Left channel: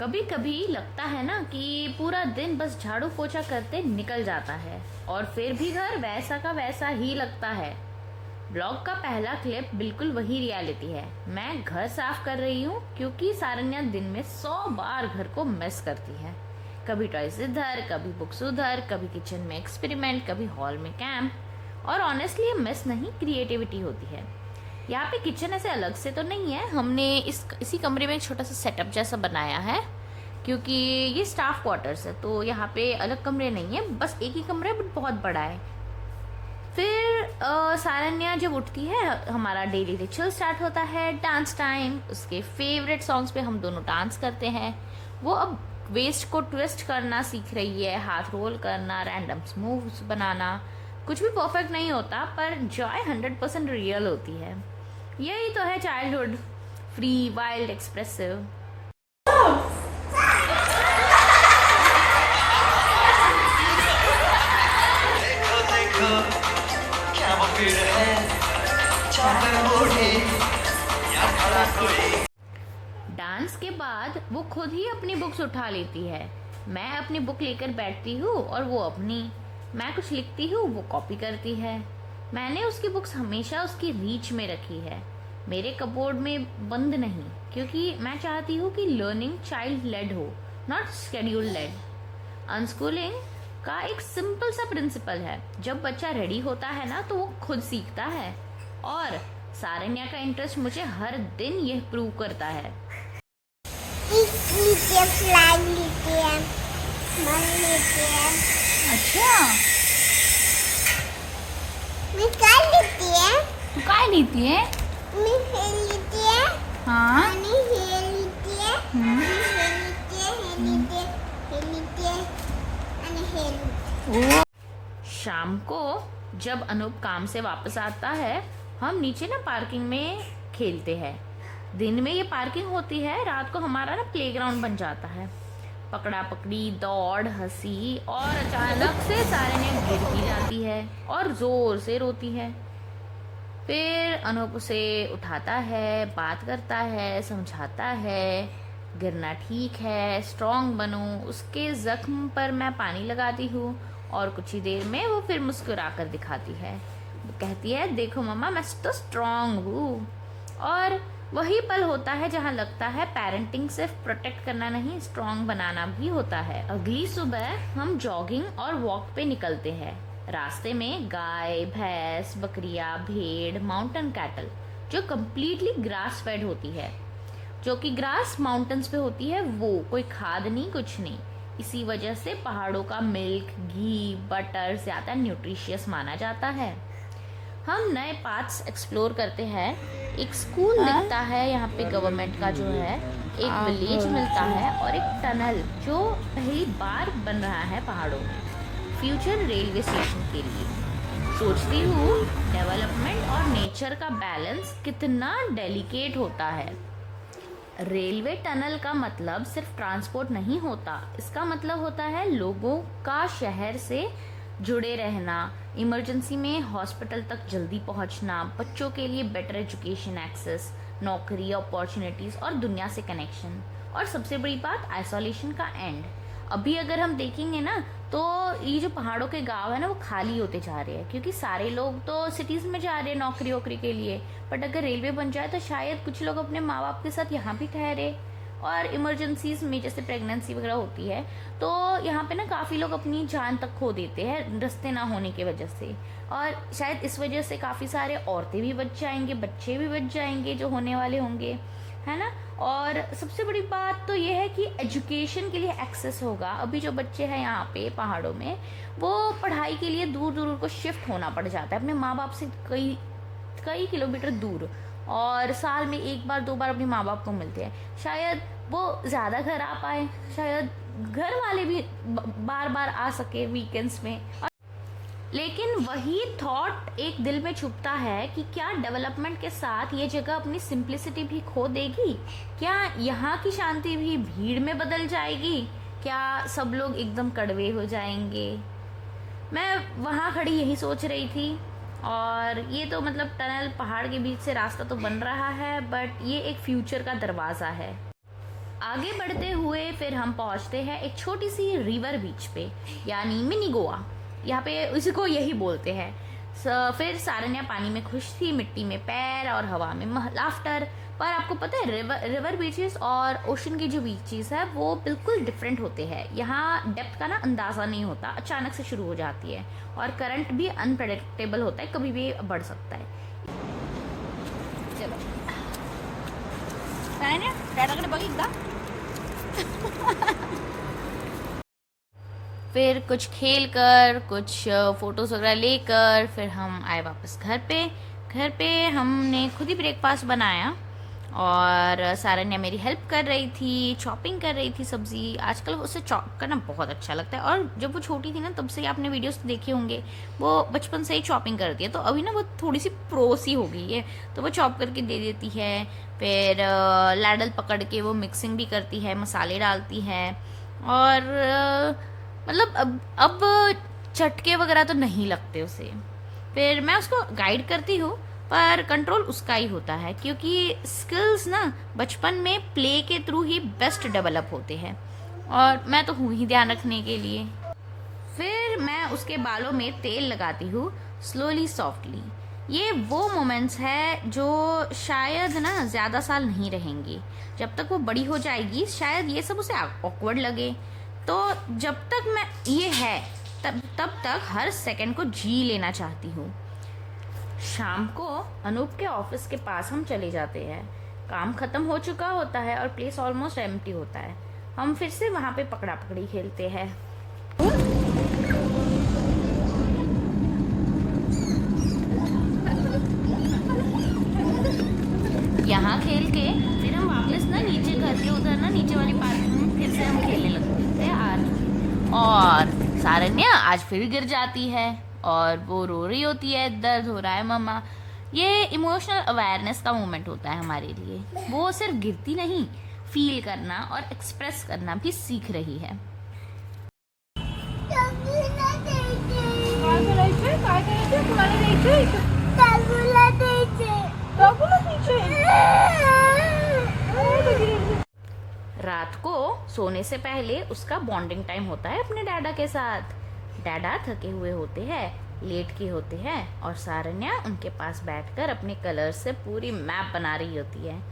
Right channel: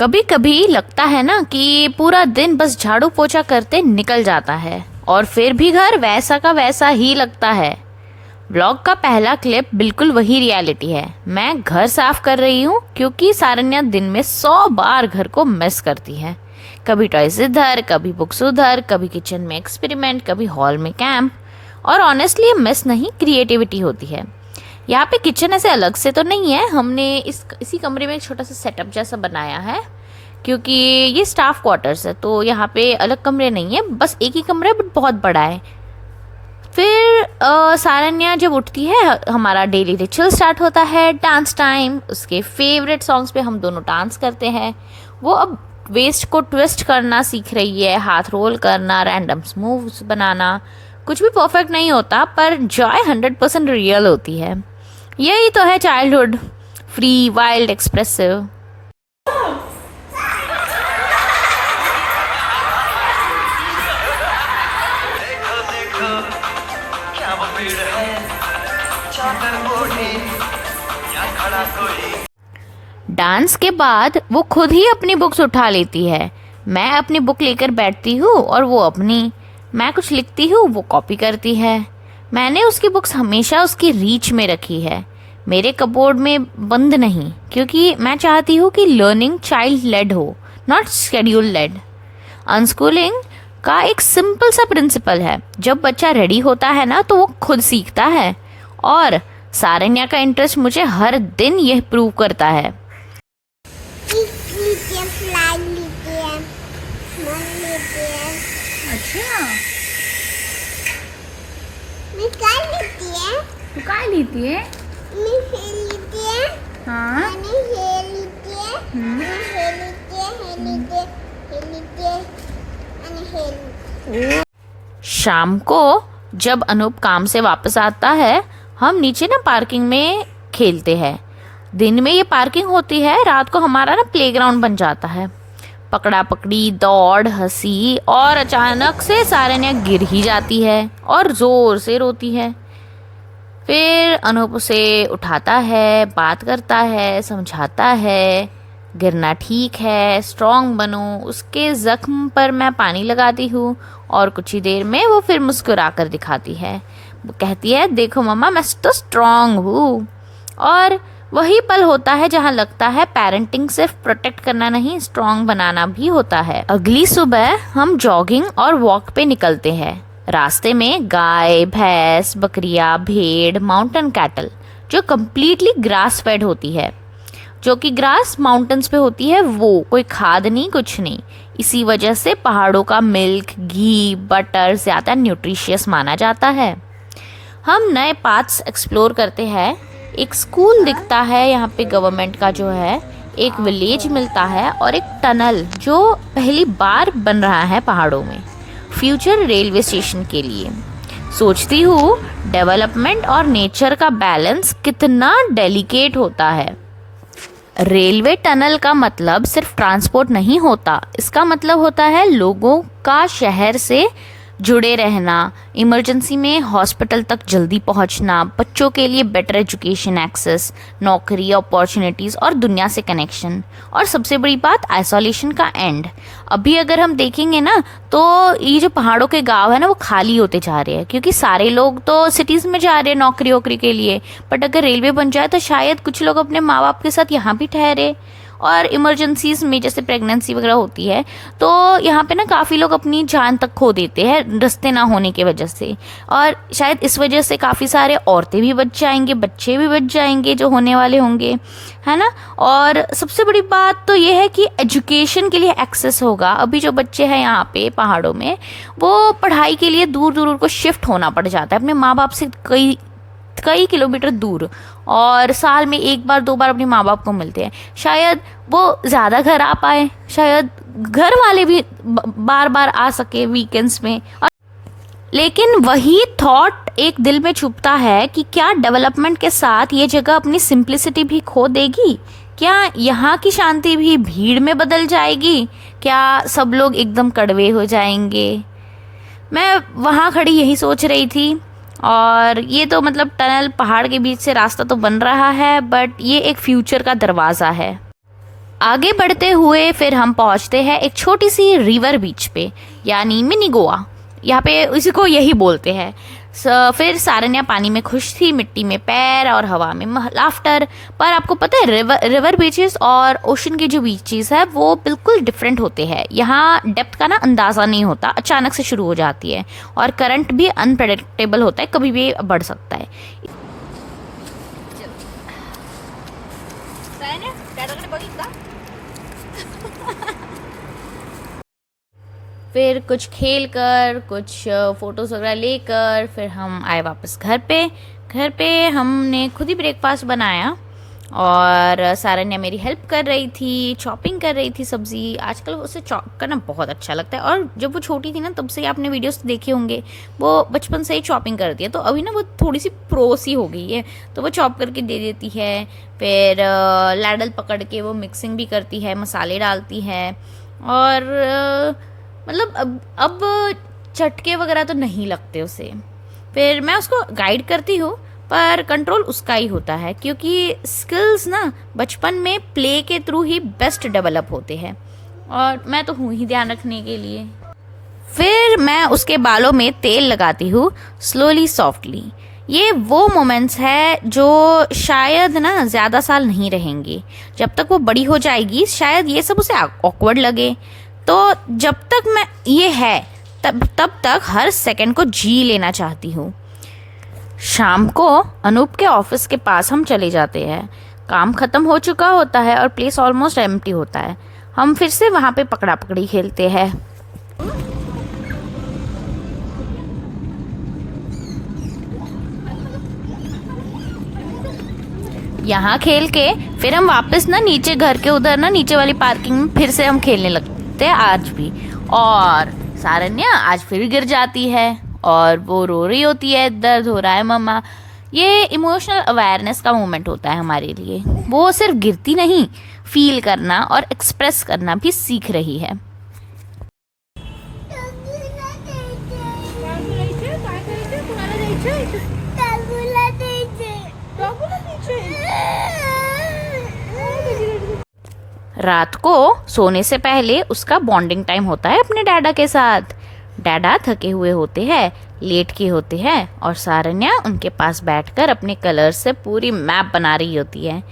कभी कभी लगता है ना कि पूरा दिन बस झाड़ू पोछा करते निकल जाता है और फिर भी घर वैसा का वैसा ही लगता है। व्लॉग का पहला क्लिप बिल्कुल वही रियलिटी है। मैं घर साफ कर रही हूँ क्योंकि सारन्या दिन में 100 बार घर को मिस करती है। कभी टॉयज इधर, कभी बुक्स उधर, कभी किचन में एक्सपेरिमेंट, कभी हॉल में कैंप। और ऑनेस्टली मिस नहीं, क्रिएटिविटी होती है। यहाँ पे किचन ऐसे अलग से तो नहीं है, हमने इसी कमरे में एक छोटा सा सेटअप जैसा बनाया है क्योंकि ये स्टाफ क्वार्टर्स है, तो यहाँ पे अलग कमरे नहीं है, बस एक ही कमरा है बट बहुत बड़ा है। फिर सारन्या जब उठती है हमारा डेली रिचुअल स्टार्ट होता है, डांस टाइम। उसके फेवरेट सॉन्ग्स पे हम दोनों डांस करते हैं। वो अब वेस्ट को ट्विस्ट करना सीख रही है, हाथ रोल करना, रैंडम मूव्स बनाना। कुछ भी परफेक्ट नहीं होता पर जॉय 100% रियल होती है। यही तो है childhood, free, wild, expressive. Dance के बाद वो खुद ही अपनी बुक्स उठा लेती है। मैं अपनी बुक लेकर बैठती हूँ और वो अपनी। मैं कुछ लिखती हूँ, वो कॉपी करती है। मैंने उसकी बुक्स हमेशा उसकी रीच में रखी है, मेरे कपबोर्ड में बंद नहीं, क्योंकि मैं चाहती हूँ कि लर्निंग चाइल्ड लेड हो, नॉट शेड्यूल लेड। अनस्कूलिंग का एक सिंपल सा प्रिंसिपल है, जब बच्चा रेडी होता है ना तो वो खुद सीखता है। और सारन्या का इंटरेस्ट मुझे हर दिन यह प्रूव करता है। अच्छा, मैं क्या लेती है? तू काय लिहिती है? मैं हे लेती है। हाँ, आणि हे लेती है। मैं हे लेती है, हे लेती है, हे लेती है, आणि हे लेती है। शाम को जब अनूप काम से वापस आता है, हम नीचे ना पार्किंग में खेलते हैं। दिन में ये पार्किंग होती है, रात को हमारा ना प्लेग्राउंड बन जाता है। पकड़ा पकड़ी, दौड़, हंसी, और अचानक से सारन्या गिर ही जाती है और जोर से रोती है। फिर अनूप उसे उठाता है, बात करता है, समझाता है, गिरना ठीक है, स्ट्रांग बनो। उसके जख्म पर मैं पानी लगाती हूँ और कुछ ही देर में वो फिर मुस्कुरा कर दिखाती है। वो कहती है, देखो मम्मा, मैं तो स्ट्रांग हूँ। और वही पल होता है जहाँ लगता है पेरेंटिंग सिर्फ प्रोटेक्ट करना नहीं, स्ट्रांग बनाना भी होता है। अगली सुबह हम जॉगिंग और वॉक पे निकलते हैं। रास्ते में गाय, भैंस, बकरियां, भेड़, माउंटेन कैटल जो कम्प्लीटली ग्रास फेड होती है। जो कि ग्रास माउंटेन्स पे होती है, वो कोई खाद नहीं, कुछ नहीं। इसी वजह से पहाड़ों का मिल्क, घी, बटर ज़्यादा न्यूट्रिशियस माना जाता है। हम नए पाथ्स एक्सप्लोर करते हैं। एक स्कूल दिखता है यहाँ पे गवर्नमेंट का जो है, एक विलेज मिलता है और एक टनल जो पहली बार बन रहा है पहाड़ों में, फ्यूचर रेलवे स्टेशन के लिए। सोचती हूँ डेवलपमेंट और नेचर का बैलेंस कितना डेलिकेट होता है। रेलवे टनल का मतलब सिर्फ ट्रांसपोर्ट नहीं होता, इसका मतलब होता है लोगों का शहर से जुड़े रहना, इमरजेंसी में हॉस्पिटल तक जल्दी पहुंचना, बच्चों के लिए बेटर एजुकेशन एक्सेस, नौकरी अपॉर्चुनिटीज़ और दुनिया से कनेक्शन। और सबसे बड़ी बात, आइसोलेशन का एंड। अभी अगर हम देखेंगे ना तो ये जो पहाड़ों के गांव है ना वो खाली होते जा रहे हैं, क्योंकि सारे लोग तो सिटीज़ में जा रहे हैं नौकरी वोकरी के लिए। बट अगर रेलवे बन जाए तो शायद कुछ लोग अपने माँ बाप के साथ यहाँ भी ठहरे। और इमरजेंसीज में जैसे प्रेगनेंसी वगैरह होती है तो यहाँ पे ना काफ़ी लोग अपनी जान तक खो देते हैं रास्ते ना होने की वजह से। और शायद इस वजह से काफ़ी सारे औरतें भी बच जाएंगे, बच्चे भी बच जाएंगे जो होने वाले होंगे, है ना। और सबसे बड़ी बात तो ये है कि एजुकेशन के लिए एक्सेस होगा। अभी जो बच्चे हैं यहाँ पे पहाड़ों में, वो पढ़ाई के लिए दूर दूर को शिफ्ट होना पड़ जाता है अपने माँ बाप से कई किलोमीटर दूर, और साल में एक बार दो बार अपने माँ बाप को मिलते हैं। शायद वो ज़्यादा घर आ पाए, शायद घर वाले भी बार बार आ सके वीकेंड्स में। लेकिन वही थॉट एक दिल में छुपता है कि क्या डेवलपमेंट के साथ ये जगह अपनी सिंप्लिसिटी भी खो देगी? क्या यहाँ की शांति भी भीड़ में बदल जाएगी? क्या सब लोग एकदम कड़वे हो जाएंगे? मैं वहाँ खड़ी यही सोच रही थी। और ये तो मतलब टनल पहाड़ के बीच से रास्ता तो बन रहा है, बट ये एक फ्यूचर का दरवाज़ा है। आगे बढ़ते हुए फिर हम पहुंचते हैं एक छोटी सी रिवर बीच पे, यानी मिनी गोवा, यहाँ पे इसी को यही बोलते हैं। फिर सारन्या पानी में खुश थी, मिट्टी में पैर और हवा में लाफ्टर। पर आपको पता है रिवर बीचेस और ओशन के जो बीचेस है वो बिल्कुल डिफरेंट होते हैं। यहाँ डेप्थ का ना अंदाज़ा नहीं होता, अचानक से शुरू हो जाती है और करंट भी अनप्रेडिक्टेबल होता है, कभी भी बढ़ सकता है। फिर कुछ खेल कर, कुछ फोटोज वगैरह लेकर फिर हम आए वापस घर पे हमने खुद ही ब्रेकफास्ट बनाया और सारन्या मेरी हेल्प कर रही थी, चॉपिंग कर रही थी सब्जी। आजकल उसे चॉप करना बहुत अच्छा लगता है और जब वो छोटी थी ना तब से ही आपने वीडियोस देखे होंगे, वो बचपन से ही चॉपिंग करती है। तो अभी ना वो थोड़ी सी प्रो सी हो गई है, तो वो चॉप करके दे देती है। फिर लैडल पकड़ के वो मिक्सिंग भी करती है, मसाले डालती है और मतलब अब चटके वगैरह तो नहीं लगते उसे। फिर मैं उसको गाइड करती हूँ पर कंट्रोल उसका ही होता है, क्योंकि स्किल्स ना बचपन में प्ले के थ्रू ही बेस्ट डेवलप होते हैं और मैं तो हूँ ही ध्यान रखने के लिए। फिर मैं उसके बालों में तेल लगाती हूँ स्लोली सॉफ्टली। ये वो मोमेंट्स है जो शायद ना ज़्यादा साल नहीं रहेंगे। जब तक वो बड़ी हो जाएगी शायद ये सब उसे ऑकवर्ड लगे, तो जब तक मैं ये है तब तक हर सेकंड को जी लेना चाहती हूँ। शाम को अनूप के ऑफिस के पास हम चले जाते हैं। काम खत्म हो चुका होता है और प्लेस ऑलमोस्ट एम्प्टी होता है। हम फिर से वहाँ पे पकड़ा पकड़ी खेलते हैं। यहाँ खेल के फिर हम वापस ना नीचे घर के उधर ना नीचे वाली पार्किंग में फिर से हम खेलने लगते हैं आज भी। और सारन्या आज फिर गिर जाती है और वो रो रही होती है, दर्द हो रहा है मम्मा। ये इमोशनल अवेयरनेस का मोमेंट होता है हमारे लिए। वो सिर्फ गिरती नहीं, फील करना और एक्सप्रेस करना भी सीख रही है। रात को सोने से पहले उसका बॉन्डिंग टाइम होता है अपने डैडा के साथ। डैडा थके हुए होते हैं, लेट के होते हैं और सारन्या उनके पास बैठकर अपने कलर्स से पूरी मैप बना रही होती है।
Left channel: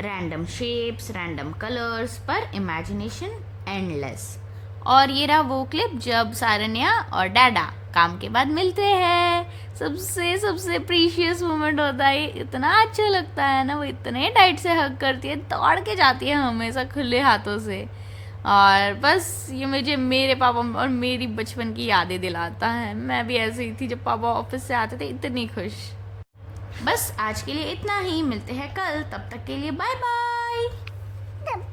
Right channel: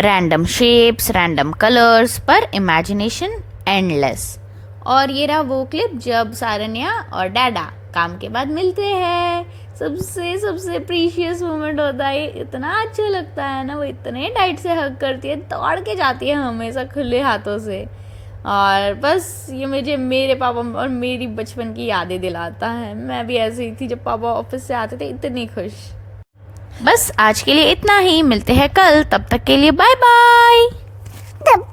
रैंडम शेप्स, रैंडम कलर्स, पर इमेजिनेशन एंडलेस। और ये रहा वो क्लिप जब सारन्या और डैडा काम के बाद मिलते हैं। सबसे प्रीशियस मोमेंट होता है। इतना अच्छा लगता है ना, वो इतने टाइट से हग करती है, दौड़ के जाती है हमेशा खुले हाथों से। और बस ये मुझे मेरे पापा और मेरी बचपन की यादें दिलाता है। मैं भी ऐसे ही थी जब पापा ऑफिस से आते थे, इतनी खुश। बस आज के लिए इतना ही, मिलते हैं कल। तब तक के लिए बाय बाय। तब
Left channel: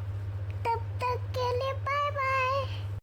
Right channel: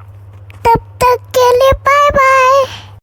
तक के लिए बाय।